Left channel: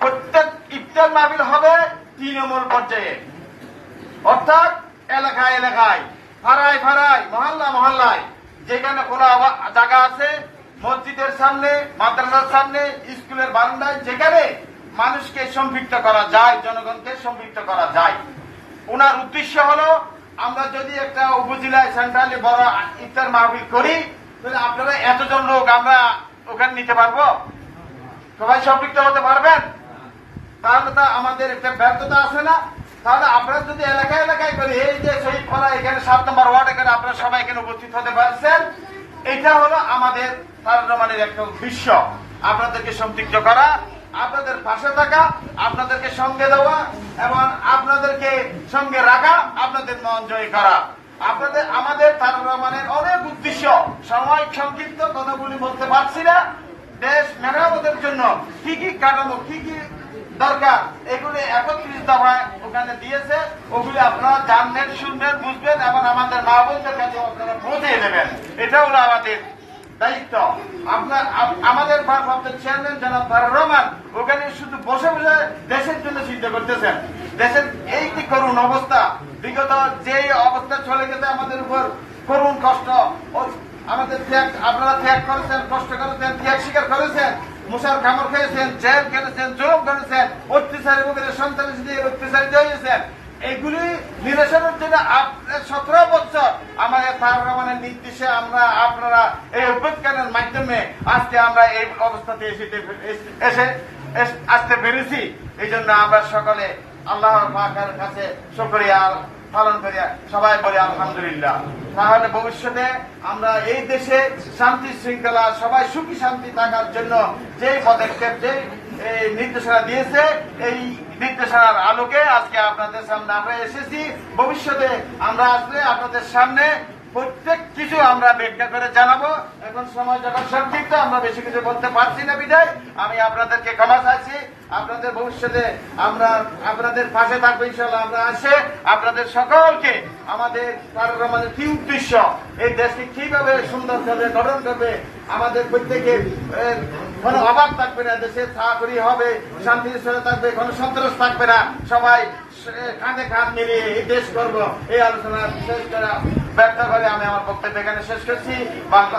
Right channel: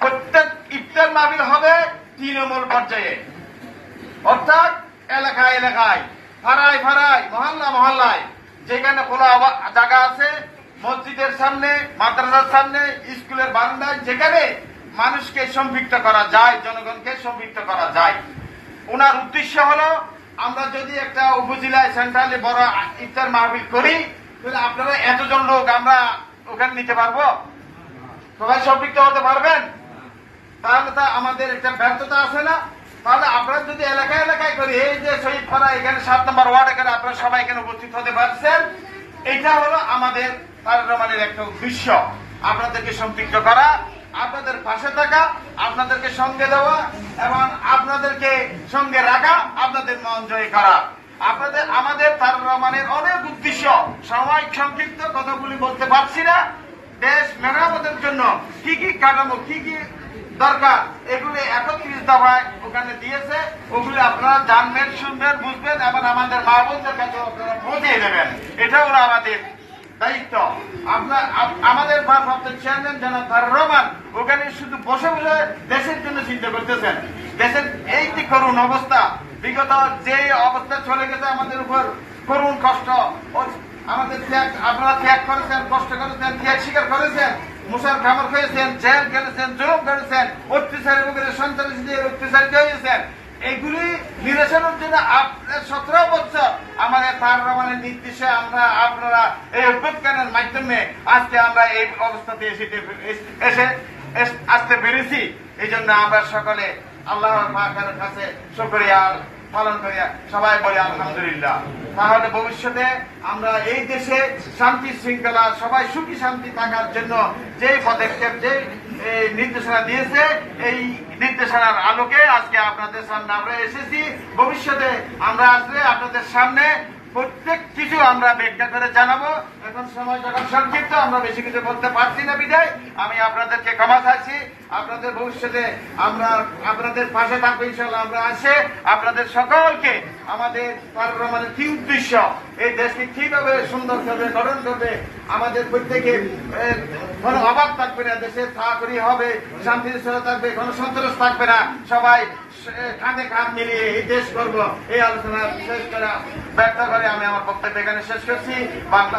প্রত্যেক ইফতার মাহফিল হবে তৃণমূল পর্যায়ে, অর্থাৎ এলাকায় এলাকায়, ফাড়ায় ফাড়ায়, মহল্লা মহল্লায়, যেখানে খোলা জায়গা আছে, মসজিদের সামনে, মাদ্রাসার সামনে, স্কুলের বারান্দায়, যেখানে মানুষকে সম্পৃক্ত করা যায়, জনগণকে সম্পৃক্ত করা যায়। ওনার উদ্দেশ্য হলো, আমরা যদি একটা উপজেলায় সেন্ট্রালি বড় ইফতার মাহফিল করি, তাহলে আপনারা এতজন লোক আমরা ওখানে নিতে পারবো? সবাই সম্পৃক্ত হতে পারবেন? তাহলে তা আমাদের একটা ব্যর্থতা আছে না? তাহলে আপনারা যদি এলাকায় এলাকায় করি, এই যে শহীদ পাড়া এখানে 7 নম্বর ওয়ার্ড, এখানে আপনারা সবাই এখানে উপস্থিত হতে পারছেন, এটা হলো আমাদের তারেক রহমানের একটা উদ্দেশ্য, আপনাদেরকে সম্পৃক্ত করা, আপনাদের পাশে থাকা, আপনাদেরকে সঙ্গে দেওয়া এবং আপনাদেরকে সঙ্গে রাখা, আপনাদের মন জয় করা। আমাদের তারেক রহমানের অনেক উদ্দেশ্য, সাময়িক সংক্ষিপ্ত কথাগুলি বলতে পারছি না। দেশ মেরামতের জন্য কি কি কাঠামো, কি কি দরকার, এগুলি 31 দফায় ওখানে দিয়েছে। ওগুলি আপনারা জানবেন, শুনবেন, বুঝবেন এবং আমাদের মা বোনদের কাছে আপনারা পৌঁছে দেবেন। এটা হলো আমাদের দায়িত্ব। আমাদের ভারপ্রাপ্ত চেয়ারম্যান জনাব তারেক রহমান ওখানে শুধু বসে বসে দেশের জন্য চিন্তা করতেছেন। দেশের এই যে করুণ অবস্থা, বিগত যে অবস্থা চলে গেছে আমাদের উপর, করুণ কষ্ট, আমাদের ত্যাগ, আপনারা ত্যাগ করেছেন, কষ্ট করেছেন, ত্যাগ স্বীকার করেছেন, মুসার কামড় খেয়েছেন, জেল খেলেছেন, জুলুম করেছেন, অত্যাচারী লোকের সন্ত্রাসীদের অত্যাচারিত হয়েছেন। এইগুলি নিরসনের জন্য আপনার 17 বছর আমাদের তারেক রহমানের নির্দেশে আপনারা এই অভ্যুত্থানের মাধ্যমে আজকে আমরা এই অবস্থাতে আসতে পেরেছি। এই জন্য আমরা সকলে আল্লাহর পাকের কাছে শুকরিয়া পালন করি, সবাই বলি আলহামদুলিল্লাহ। তাহলে ভবিষ্যতে আমরা এই দেশে শান্তি শৃঙ্খলা, সবাই সুখী শান্তি থাকার জন্য যে পদক্ষেপ, যে নির্দেশনা দিয়েছে, এই নির্দেশনার আলোকে আজকে আপনাদের সামনে আমরা এসেছি। ভবিষ্যতে আমরা আসলে আপনাদের সামনে প্রত্যেক কিছু আমরা ব্যাখ্যা করে জানাবো। এখন সময় যখন সংক্ষিপ্ত, আমরা বেশি কিছু বলতে পারছি না বিদায় আমি আপনাদেরকে ক্ষমা চাইছি। আপনাদের ভবিষ্যতে আমরা আপনাদের পাশে থাকবো ইনশাআল্লাহ। আমরা আসে আপনাদের সকলকে আমাদের তারেক রহমানের কি উদ্দেশ্য, এই দেশকে কিভাবে সুন্দর করবে, গঠন করবে, আমাদের প্রত্যেকের কোনো অভাব থাকবে না, দেশে চাকরি হবে, শান্তি থাকবে, কোনো সন্ত্রাস থাকবে না, সবাই কাঁধে কাঁধ মিলিয়ে এই দেশ করবো। এই আলোচনা শেষ করে ব্যর্থ করে আমি আমার বক্তব্য এখানে শেষ করছি। বাংলা